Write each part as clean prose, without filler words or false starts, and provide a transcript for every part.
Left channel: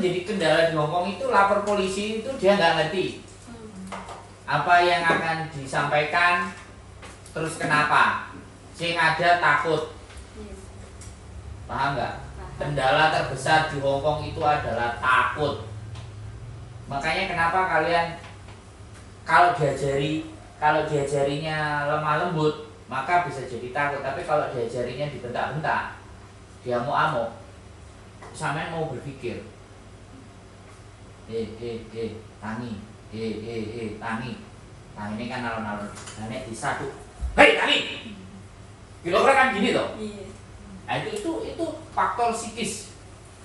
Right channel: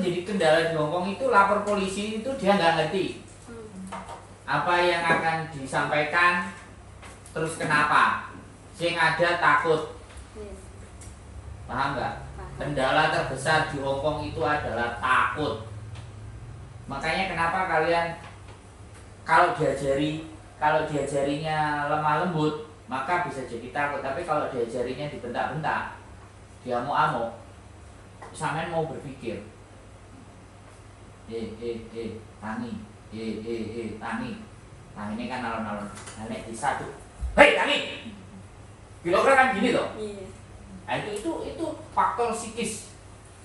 menjadi kendala di Hongkong itu lapor polisi itu dia nggak ngerti apa yang akan disampaikan, terus kenapa, sing ada takut. Paham nggak? Kendala terbesar di Hongkong itu adalah takut. Makanya kenapa kalian kalau diajarinya lemah lembut maka bisa jadi takut, tapi kalau diajarinya dibentak-bentak, dia amuk-amuk, sampean mau berpikir, Tani, Tani, nah ini kan alon-alon, nenek disatu, hei Tani, kira-kira kan gini loh. Nah, itu faktor psikis,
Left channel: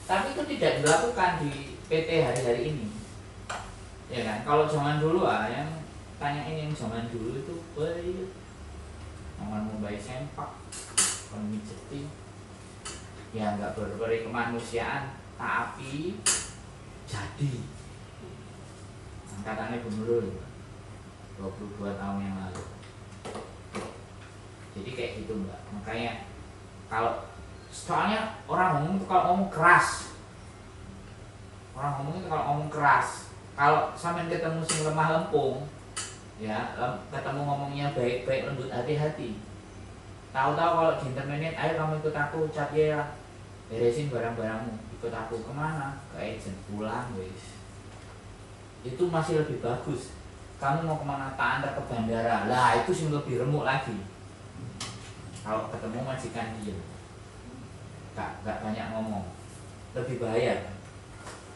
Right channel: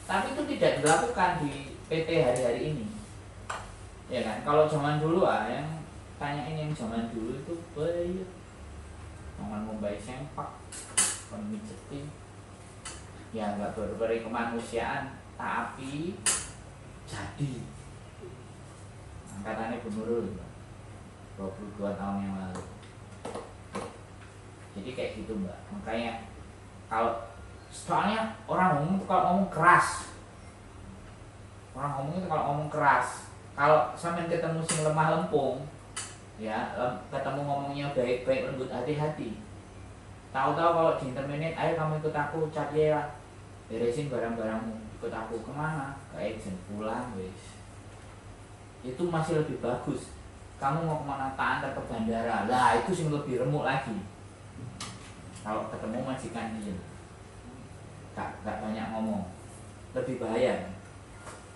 tapi itu tidak dilakukan di PT hari-hari ini, ya kan? Kalau zaman dulu yang tanyain yang zaman dulu itu baik, namanya baik sempak, pemijetin, ya nggak berberi kemanusiaan, tapi jadi angkatannya Bunurul 22 tahun yang lalu. Jadi kayak gitu mbak, makanya kalau soalnya orang ngomong itu kalau ngomong keras, kalau sampai ketemu sing lemah lempung, ya ketemu ngomongnya baik-baik lembut hati-hati, tahu-tahu kalau di interminate, ayo kamu ikut aku, cat ya, beresin barang-barangmu, ikut aku kemana, ke agent, pulang guys, itu masih lebih bagus. Kamu mau kemana, tak antar ke bandara, lah itu sih lebih remuk lagi. Kalau ketemu majikan dia gak banyak ngomong, lebih bahaya.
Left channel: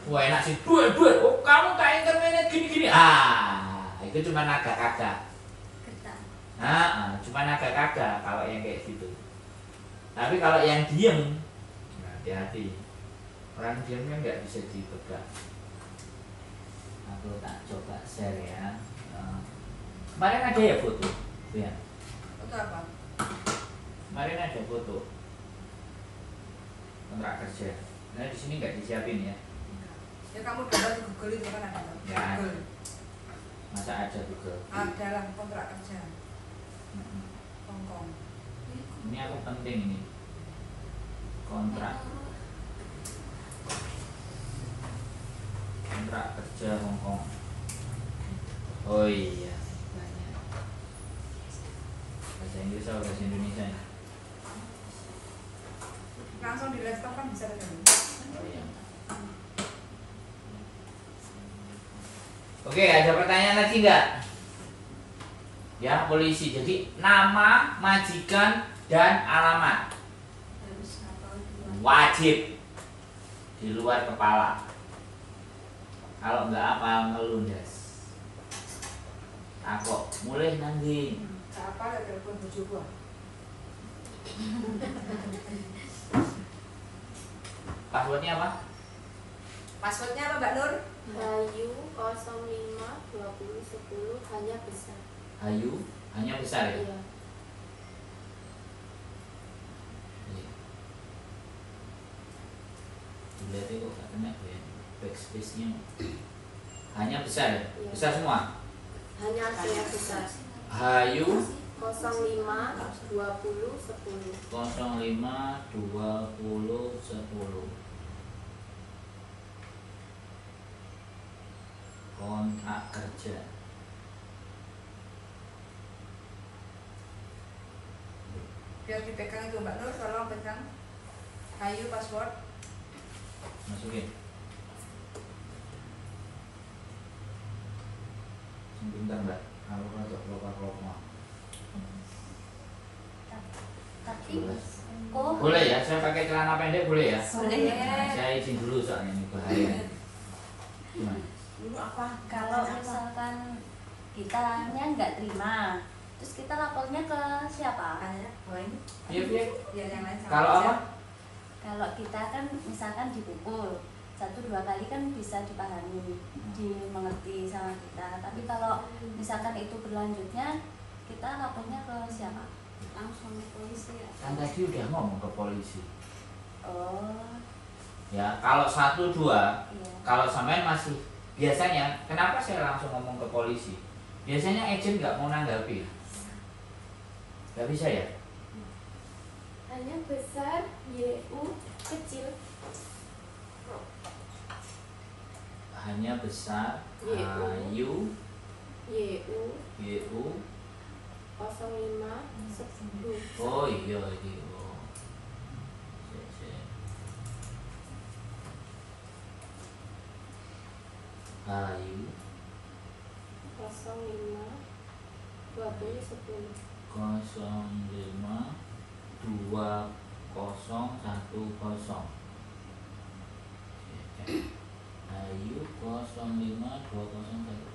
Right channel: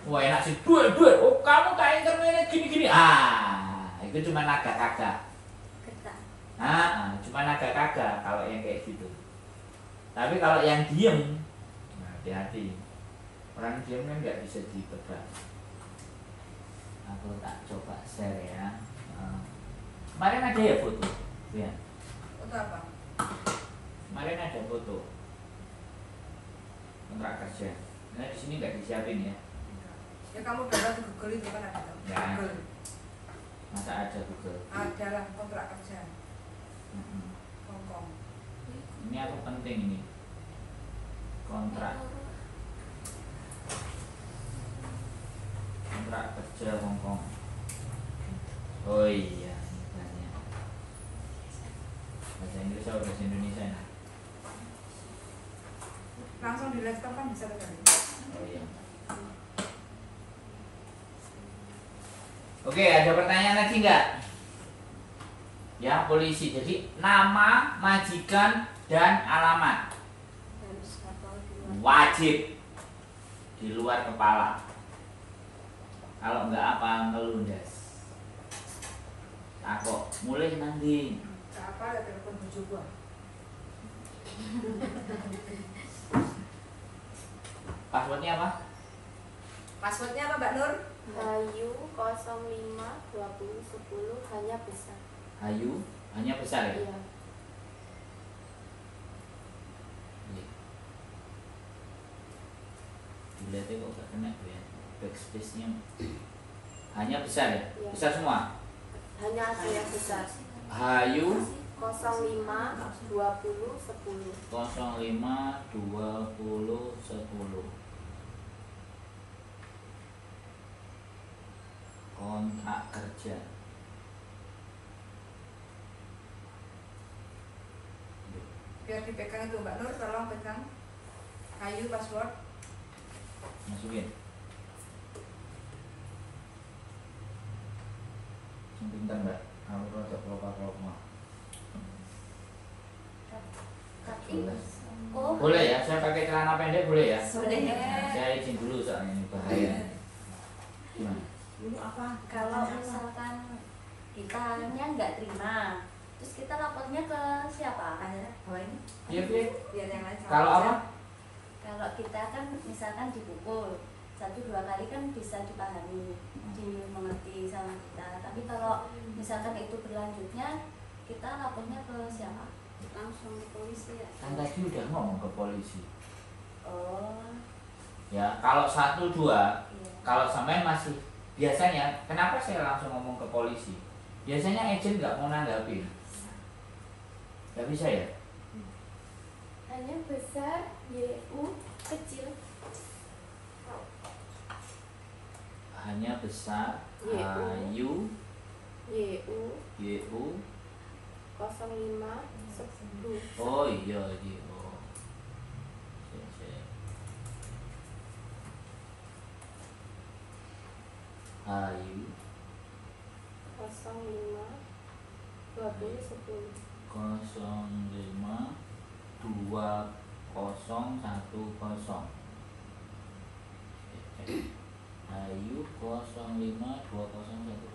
Wah enak sih, duit, oh kamu tak interminate gini-gini, itu cuma naga-naga. Cuma naga-naga kalau yang kayak gitu. Tapi kalau yang diem, hati-hati. Orang diem kan nggak bisa ditebak. Aku tak coba share ya. Kemarin ada ya foto, ya. Foto apa? Kemarin ada foto kontrak kerja. Nah di sini nggak disiapin ya. Ya kamu download di Google itu kan ada. Ya. Google. Masa ada Google? Ada lah kontrak kerja. Hongkong. Ini aku penting ini. Kontrak kerja Hongkong. Oh iya, banyak. Bahasa Inggris atau bahasa Indonesia? Langsung di laptop kan bisa kan? Oh iya. Oke, ada pertanyaan lagi nggak? Ya, polisi. Jadi nama, majikan, dan alamat wajib di luar kepala. Kalau nggak apa ngelundas. Aku mulai nanti. Apa ada telepon bojo gua? Passwordnya apa? Passwordnya apa Mbak Nur? Hayu 05 20 10 hanya besar. Hayu hanya besar ya? Iya. Dilihatnya kok gak kena ya, backspace-nya hanya besar ya? Iya. Besar semua? Hanya hasilnya besar. Hayu 05 20 10. 05 20 10. Kontrak kerja. Biar dipegang itu Mbak Nur, tolong pegang. Hayu password. Masukin. Sebentar mbak, kalau rotok keluar mah. Tapi oh Boleh ya, saya pakai celana pendek boleh ya? boleh. Nah, saya izin dulu soalnya ini bahaya. Gimana? Dulu apa? Kalau misalkan kitanya nggak terima, terus kita lapornya ke siapa? Oh ini? Iya, iya. Biar yang lain sama Kalau aja. apa? Kalau kita kan misalkan dipukul 1-2 kali kan bisa dipahami, dimengerti sama kita. Tapi kalau misalkan itu berlanjutnya, kita lapornya ke siapa? Langsung ke polisi ya? Kan tadi udah ngomong ke polisi. Oh, Ya, kalau 1-2, iya. kalau sampean masih biasanya, kenapa saya langsung ngomong ke polisi? Biasanya agent nggak mau nanggapi. Nggak bisa ya? Hanya besar, YU kecil. besar. YU. YU. 05 10. Oh iya iki. Oh. Sik, sik. Ayu 05 20 10. 05 2010. Ayu 05 2010.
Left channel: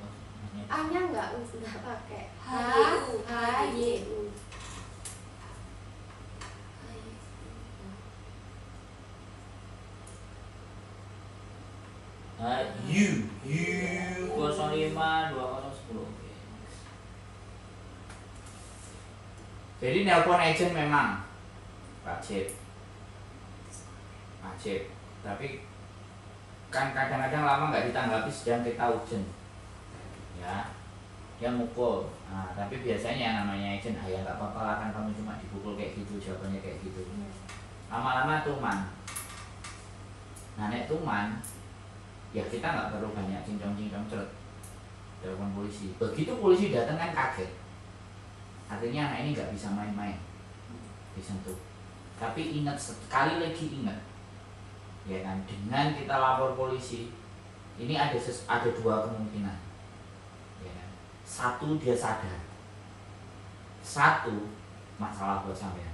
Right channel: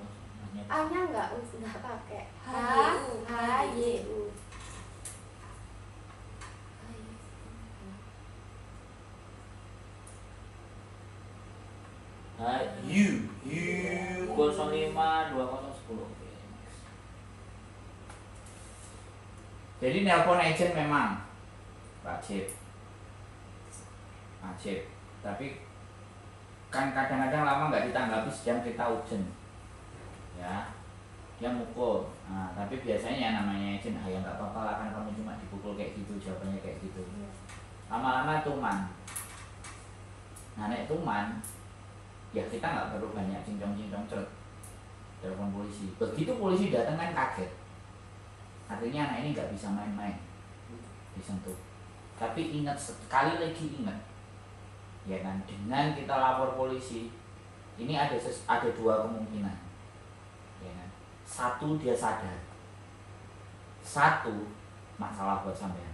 A-nya enggak pakai. HYU. HYU. U 05 2010. Jadi nelpon agent memang wajib, tapi kan kadang-kadang lama nggak ditanggapi sedang kita urgent, ya dia mukul. Nah, tapi biasanya namanya agent, ya nggak apa-apa lah, kan kamu cuma dipukul kayak gitu, jawabannya kayak gitu. Lama-lama tuman. Nah, nek tuman, ya kita nggak perlu banyak cincong-cincong cerut telepon polisi. Begitu polisi datang kan kaget, artinya anak ini nggak bisa main-main disentuh. Tapi ingat, sekali lagi ingat, ya kan, dengan kita lapor polisi ini ada dua kemungkinan, ya kan. Satu, dia sadar, satu masalah buat sampean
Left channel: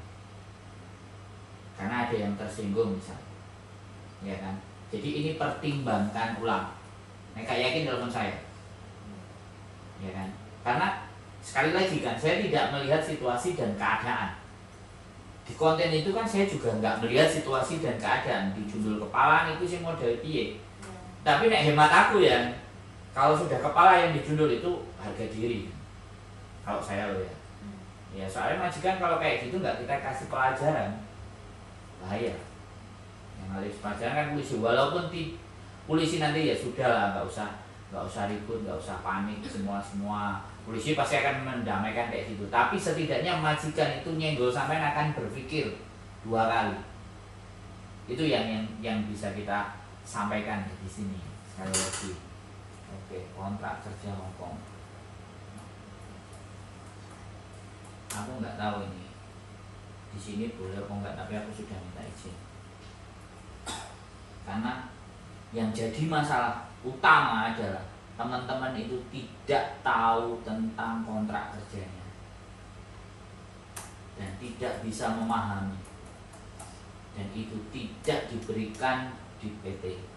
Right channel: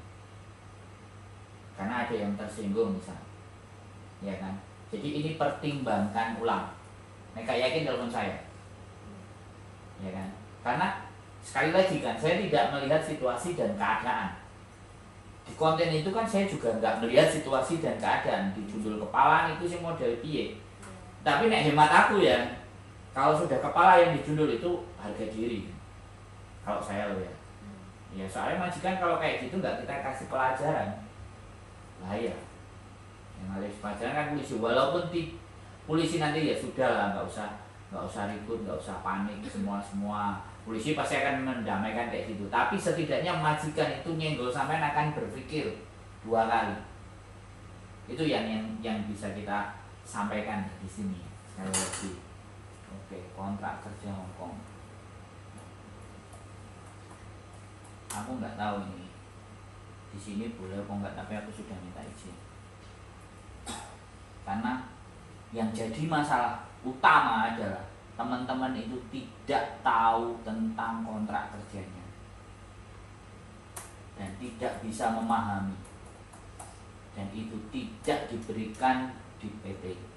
karena ada yang tersinggung misalnya, ya kan. Jadi ini pertimbangkan ulang. Mereka yakin telepon saya, ya kan? Karena sekali lagi kan, saya tidak melihat situasi dan keadaan. Di konten itu kan saya juga nggak melihat situasi dan keadaan. Di judul kepala itu sih model piye. Tapi nek hemat aku ya, kalau sudah kepala yang dijundul itu harga diri. Kalau saya loh ya. Ya soalnya majikan kalau kayak gitu nggak kita kasih pelajaran, bahaya. Yang harus pelajaran kan polisi. Walaupun polisi nanti ya sudah lah, nggak usah ribut, nggak usah panik, semua polisi pasti akan mendamaikan kayak gitu. Tapi setidaknya majikan itu nyenggol sampai akan berpikir dua kali. Itu yang bisa kita sampaikan di sini sekali lagi. Oke, kontrak kerja Hongkong. Aku nggak tahu ini di sini boleh apa enggak, tapi aku sudah minta izin. Karena yang jadi masalah utama adalah teman-teman itu tidak tahu tentang kontrak kerjanya dan tidak bisa memahami, dan itu tidak diberikan di PT.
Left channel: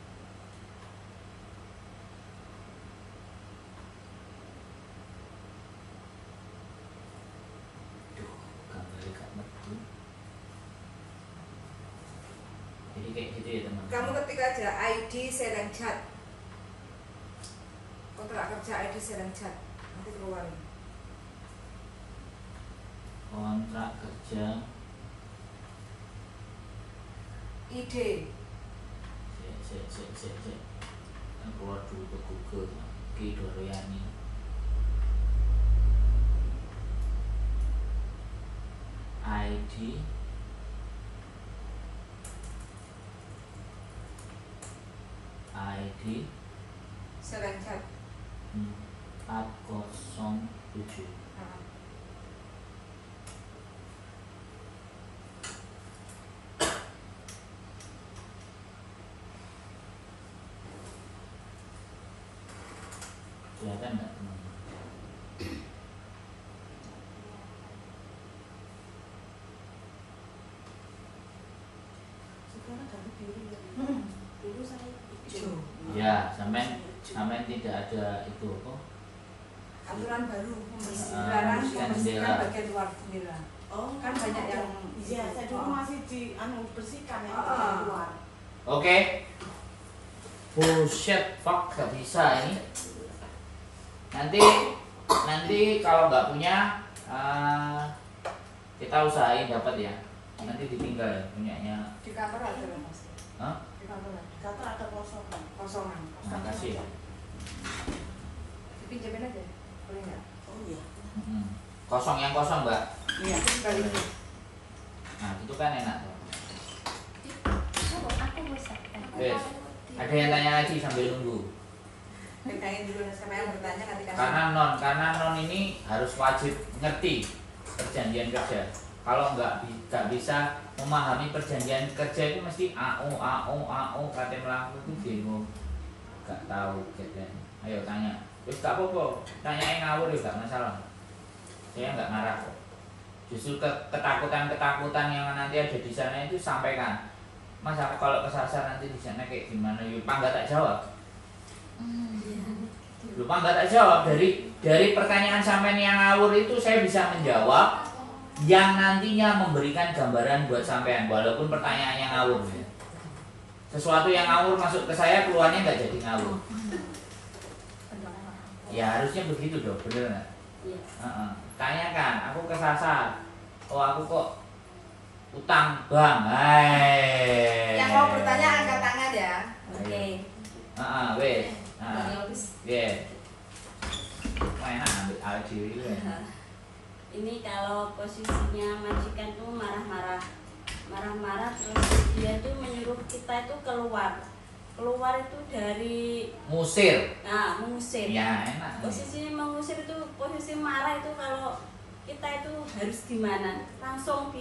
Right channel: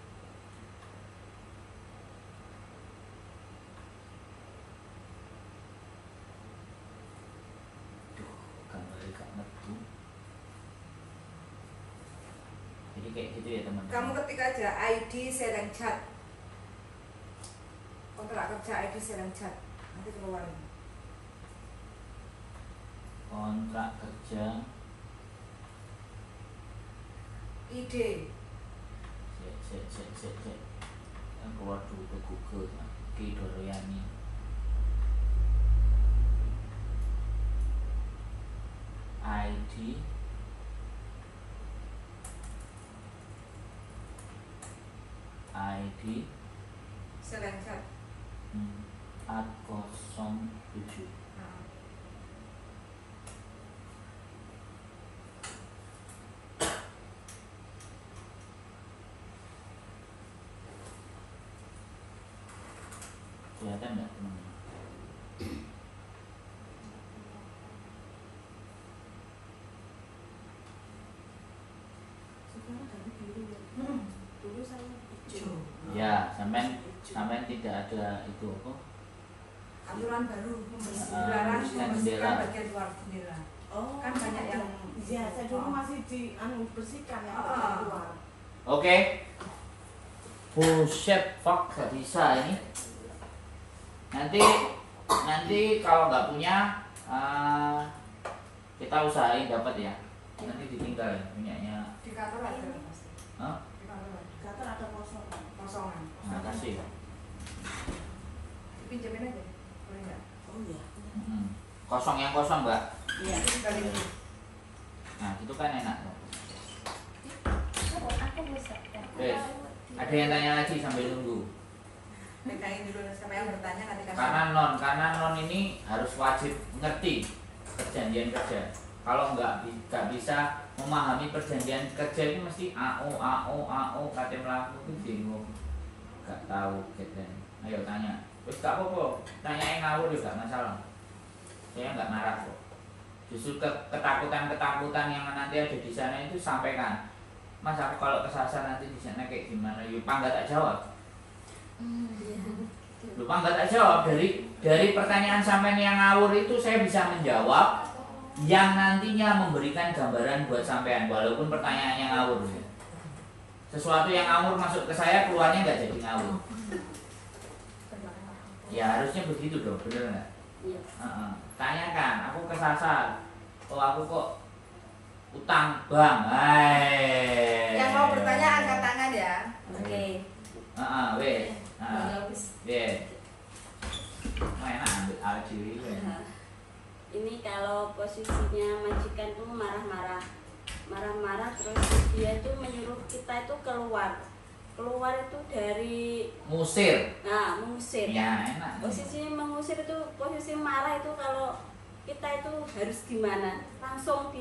Jadi kayak gitu ya teman-teman. Kamu ketik aja ID Sereng Chat, kontrak kerja ID Sereng Chat, nanti keluar. Kontrak kerja ID. Cek. Yang keluar dulu ke Google. Ki Doriani. ID Sereng Chat. 407. Kelihatan nggak teman-teman? Sekarang dari biru ya. Dulu saya hijau. Ya, sampai tidak ada itu apa? Aturan baru Membersihkan membersihkan bagian luar jendela. Oh, Kan banyak yang iya, saya dulu masih bersihkan ya keluar. Oke. Bullshit, fuck, gak bisa ini. Nanti kalau nggak punya, kita usahain dapat ya. Nanti ditinggal ya punyanya. Di kantor ada Mas. Hah? Di kantor ada. Di kantor ada kosongan. Kosongan. Makasih ya. Dipinjemin aja, boleh nggak? Oh iya. Kosong yang kosong mbak. Iya. Kali ini. Nah itu kan enak. Aku bosan. Wes, ada yang tanya lagi sambil nunggu. Pegangin dulu sama yang bertanya nanti kasih. Karena non ini harus wajib ngerti perjanjian kerja. Kalau nggak bisa memahami perjanjian kerja itu mesti kate melaku itu bingung, nggak tahu gitu. Ayo tanya, terus gak apa-apa, tanya yang ngawur juga masalah. Saya nggak marah kok. Justru ketakutan yang nanti ada di sana itu sampaikan. Mas aku kalau kesasar nanti di sana kayak gimana? Lupa nggak tak jawab. Lupa nggak tak jawab dari pertanyaan sampean yang ngawur itu saya bisa menjawab yang nantinya memberikan gambaran buat sampean walaupun pertanyaannya ngawur. Sesuatu yang ngawur masuk ke saya keluarnya nggak jadi ngawur. Ya harusnya begitu dong, bener nggak? Iya. Tanyakan, aku kesasar. Oh aku kok utang bang. Hai. Yang mau bertanya angkat tangan ya. Oke. Weh. Bagus. Enak ambil alat diri. Ini kalau posisinya majikan tuh marah-marah terus dia tuh menyuruh kita itu keluar itu dari Musir. mengusir. Ya enak. Posisi mengusir itu posisi marah itu kalau kita itu harus gimana? Langsung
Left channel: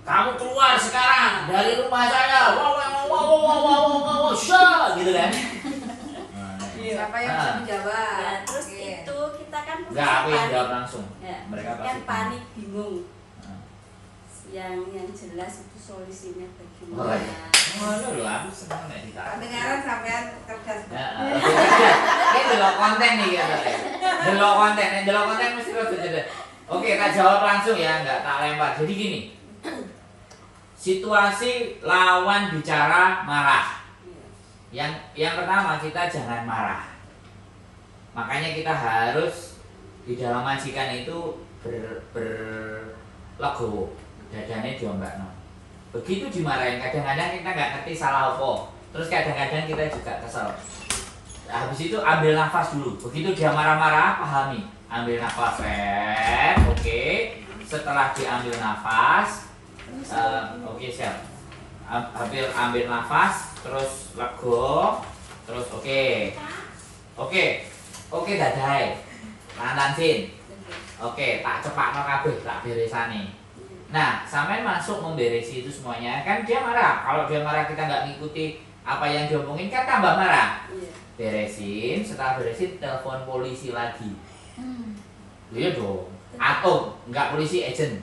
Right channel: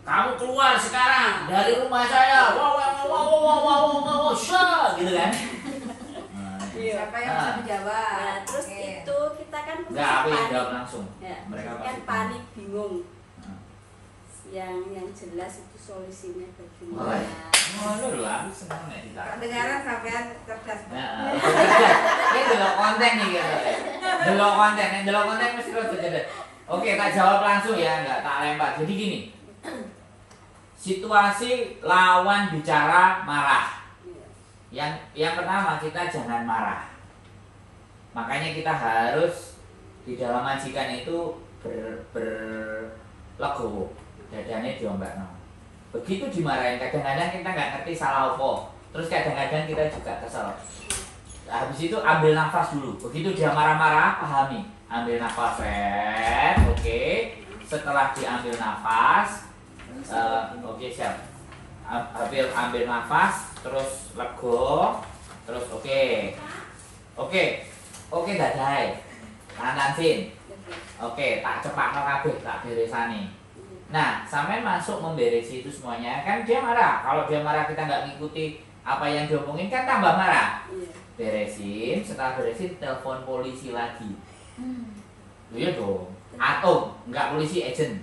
Kamu keluar sekarang dari rumah saya. Wow, gitu kan? Siapa yang bisa menjawab? Nah, terus Oke. itu kita kan Enggak, aku yang jawab langsung. Ya, Mereka kan pasti panik bingung. Nah. Yang jelas itu solusinya Oh, bagaimana? iya. Oh, lu aku seneng nek ditaruh. Kedengaran sampean cerdas. Ini delok konten nih ya. Delok konten mesti rada jeda. Oke, tak jawab langsung ya, enggak tak lempar. Jadi gini. Situasi lawan bicara marah. Yang pertama kita jangan marah. Makanya kita harus di dalam majikan itu berlegowo. Dadane diombakno. Begitu dimarahin kadang-kadang kita nggak ngerti salah apa. Terus kadang-kadang kita juga kesel. Habis itu ambil nafas dulu. Begitu dia marah-marah pahami. Ambil nafas, oke. Setelah diambil nafas, oke siap. Ambil nafas, terus lego, terus oke dadai, lantansin, oke tak cepakno kabeh, tak beresani. Nah, sampean masuk memberesi itu semuanya, kan dia marah. Kalau dia marah kita nggak ngikuti apa yang diomongin kan tambah marah. Beresin, setelah beresin telepon polisi lagi. Iya dong. Atau nggak polisi, agent.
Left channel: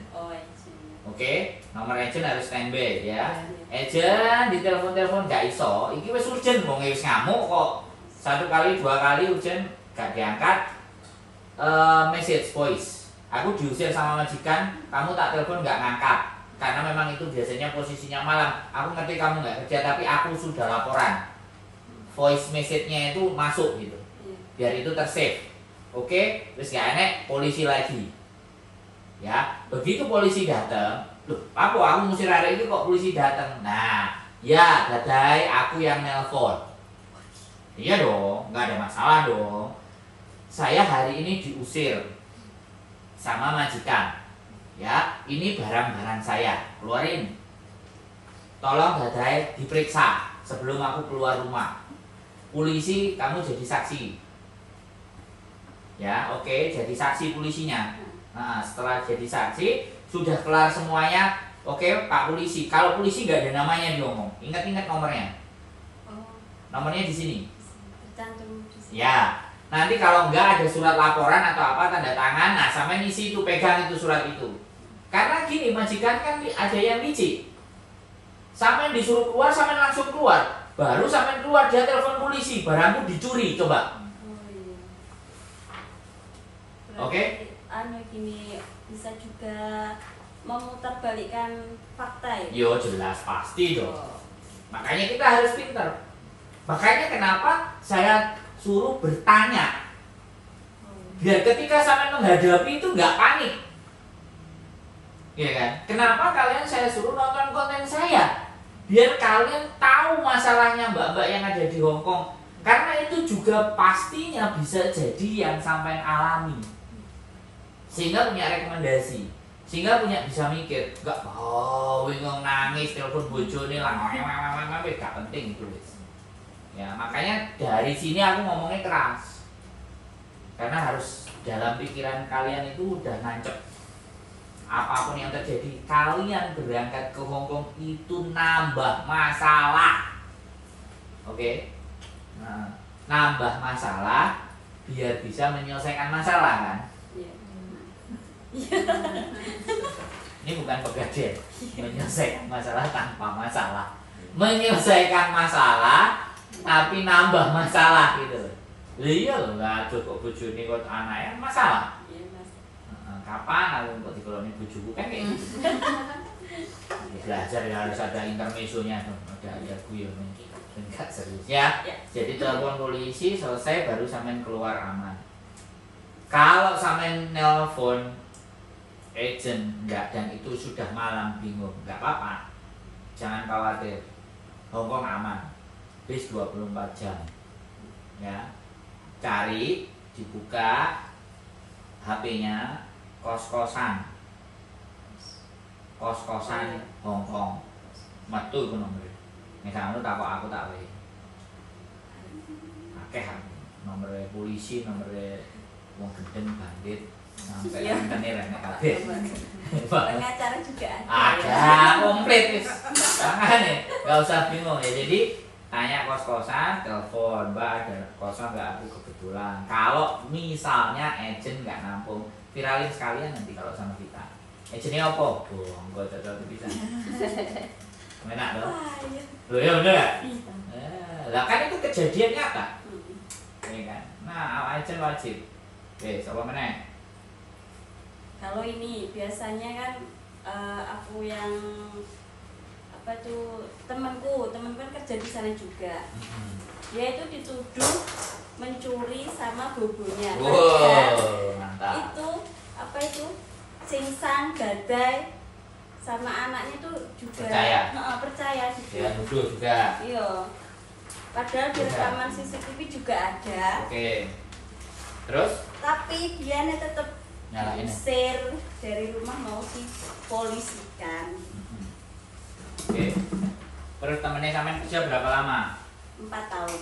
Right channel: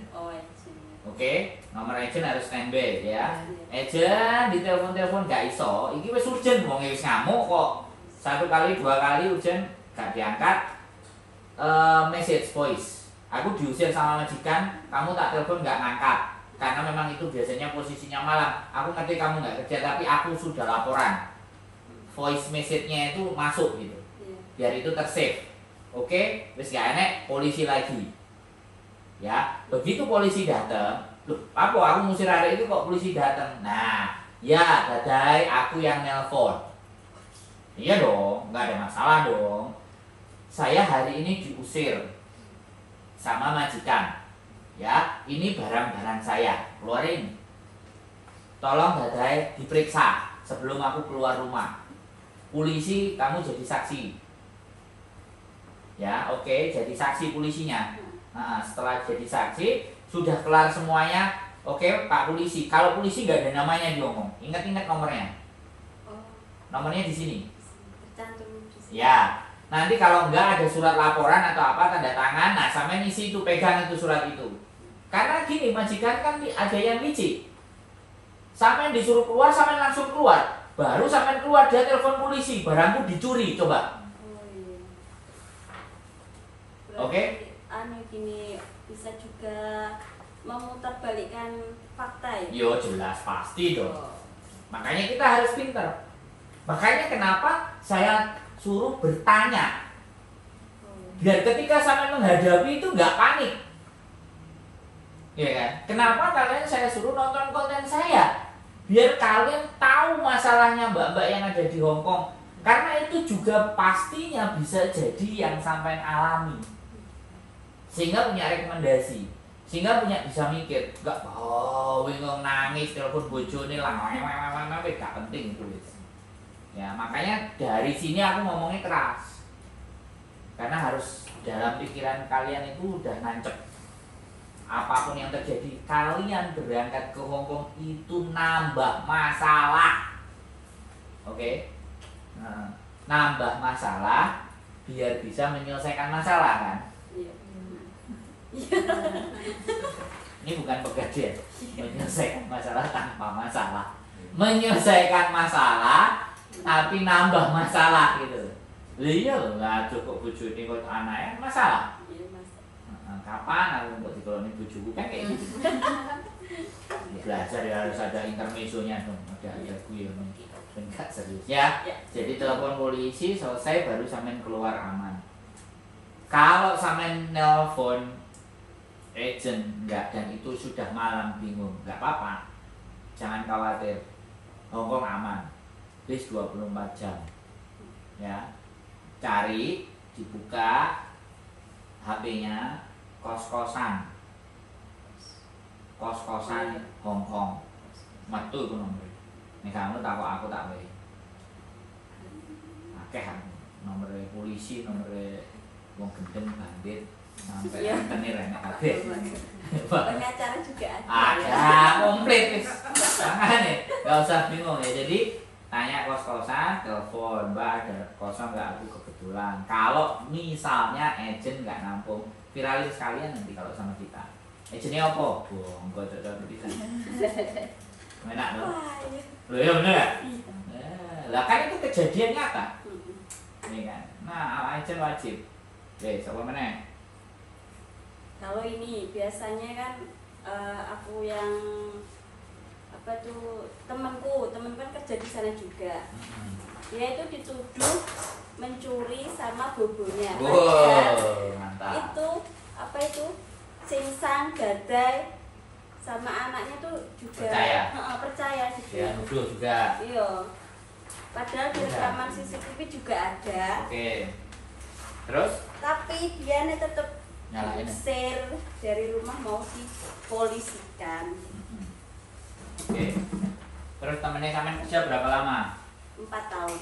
Oke, nomor agent harus standby ya. Agent di telepon nggak iso. Iki wis urgent wong wis ngamuk kok. 1 kali 2 kali urgent gak diangkat. Message voice. Aku diusir sama majikan, kamu tak telepon nggak ngangkat. Karena memang itu biasanya posisinya malam. Aku ngerti kamu nggak kerja, tapi aku sudah laporan. Voice message-nya itu masuk gitu. Biar itu tersave. Oke, terus gak enek polisi lagi. Ya, begitu polisi datang, loh, apa aku ngusir arek itu kok polisi datang? Nah, ya dadai aku yang nelpon. Iya dong, nggak ada masalah dong. Saya hari ini diusir sama majikan. Ya, ini barang-barang saya, keluarin. Tolong dadai diperiksa sebelum aku keluar rumah. Polisi, kamu jadi saksi. Ya, oke, jadi saksi polisinya. Nah, setelah jadi saksi, sudah kelar semuanya. Oke, Pak Polisi. Kalau polisi nggak ada namanya diomong. Ingat-ingat nomornya. Nomornya di sini. Ya. Nanti kalau nggak ada surat laporan atau apa tanda tangan, nah sama isi itu pegang itu surat itu. Karena gini, majikan kan ada yang licik. Sampai disuruh keluar, sampai langsung keluar. Baru sampai keluar dia telepon polisi, barangku dicuri, coba. Oke? Gini bisa juga memutarbalikkan fakta ya. Yo jelas pasti dong. Makanya kita harus pintar. Makanya kenapa saya suruh bertanya. Biar ketika sampai menghadapi itu nggak panik. Ya kan? Kenapa kalian saya suruh nonton konten saya? Biar kalian tahu masalahnya mbak-mbak yang ada di Hong Kong. Karena itu juga pastinya bisa jadi yang sampai alami. Sehingga punya rekomendasi, sehingga bisa mikir, enggak bingung nangis telepon bojone lah, gak penting itu. Ya, makanya dari sini aku ngomongnya keras. Karena harus dalam pikiran kalian itu udah nancep. Apapun yang terjadi, kalian berangkat ke Hongkong itu nambah masalah. Oke? Nah, nambah masalah biar bisa menyelesaikan masalah kan? Iya. Ini bukan pegadaian, menyelesaikan masalah tanpa masalah. Menyelesaikan masalah tapi nambah masalah gitu. Lah iya lho, nggak cukup bojone kok anaknya masalah. Iya, Mas. Kapan aku untuk dikoloni bojoku kan kayak gitu. Belajar ya harus ada intermezzonya dong, ada guyon dan gak serius ya. Jadi telepon polisi selesai baru sampean keluar aman. Kalau sampean nelpon agent enggak dan itu sudah malam bingung, enggak apa-apa. Jangan khawatir. Hongkong aman. Bis 24 jam. Ya. Cari, dibuka HP-nya kos-kosan. Kos-kosan Hongkong. Metu ku nomor. Nek kamu takok aku tak wae. Akeh nomor polisi, nomor wong gendeng bandit. Sampai ini renek kabeh. Pengacara juga ada. Ada komplit wis. Makanya enggak usah bingung ya. Jadi tanya kos-kosan, telepon, Mbak ada kosan enggak, aku kebetulan. Kalau misalnya agent enggak nampung, viralin sekalian nanti kalau sama kita. Agentnya apa? Oh, enggak cocok bisa. Enak dong. Loh ya bener ya? Lah kan itu kejadian nyata. Iya kan? Nah, agent wajib. Oke, siapa meneh? Kalau ini biasanya kan aku yang apa tuh temanku kan kerja di sana juga. Dia itu dituduh mencuri sama bobonya. Wow, mantap. Itu apa itu Singsang, gadai sama anaknya tuh juga percaya juga. Ya, nuduh juga. Iya. Padahal di rekaman CCTV juga ada. Oke. Terus? Tapi dia tetap Nyalain. share dari rumah mau dipolisikan. Oke. Terus temennya sampean kerja berapa lama? 4 tahun.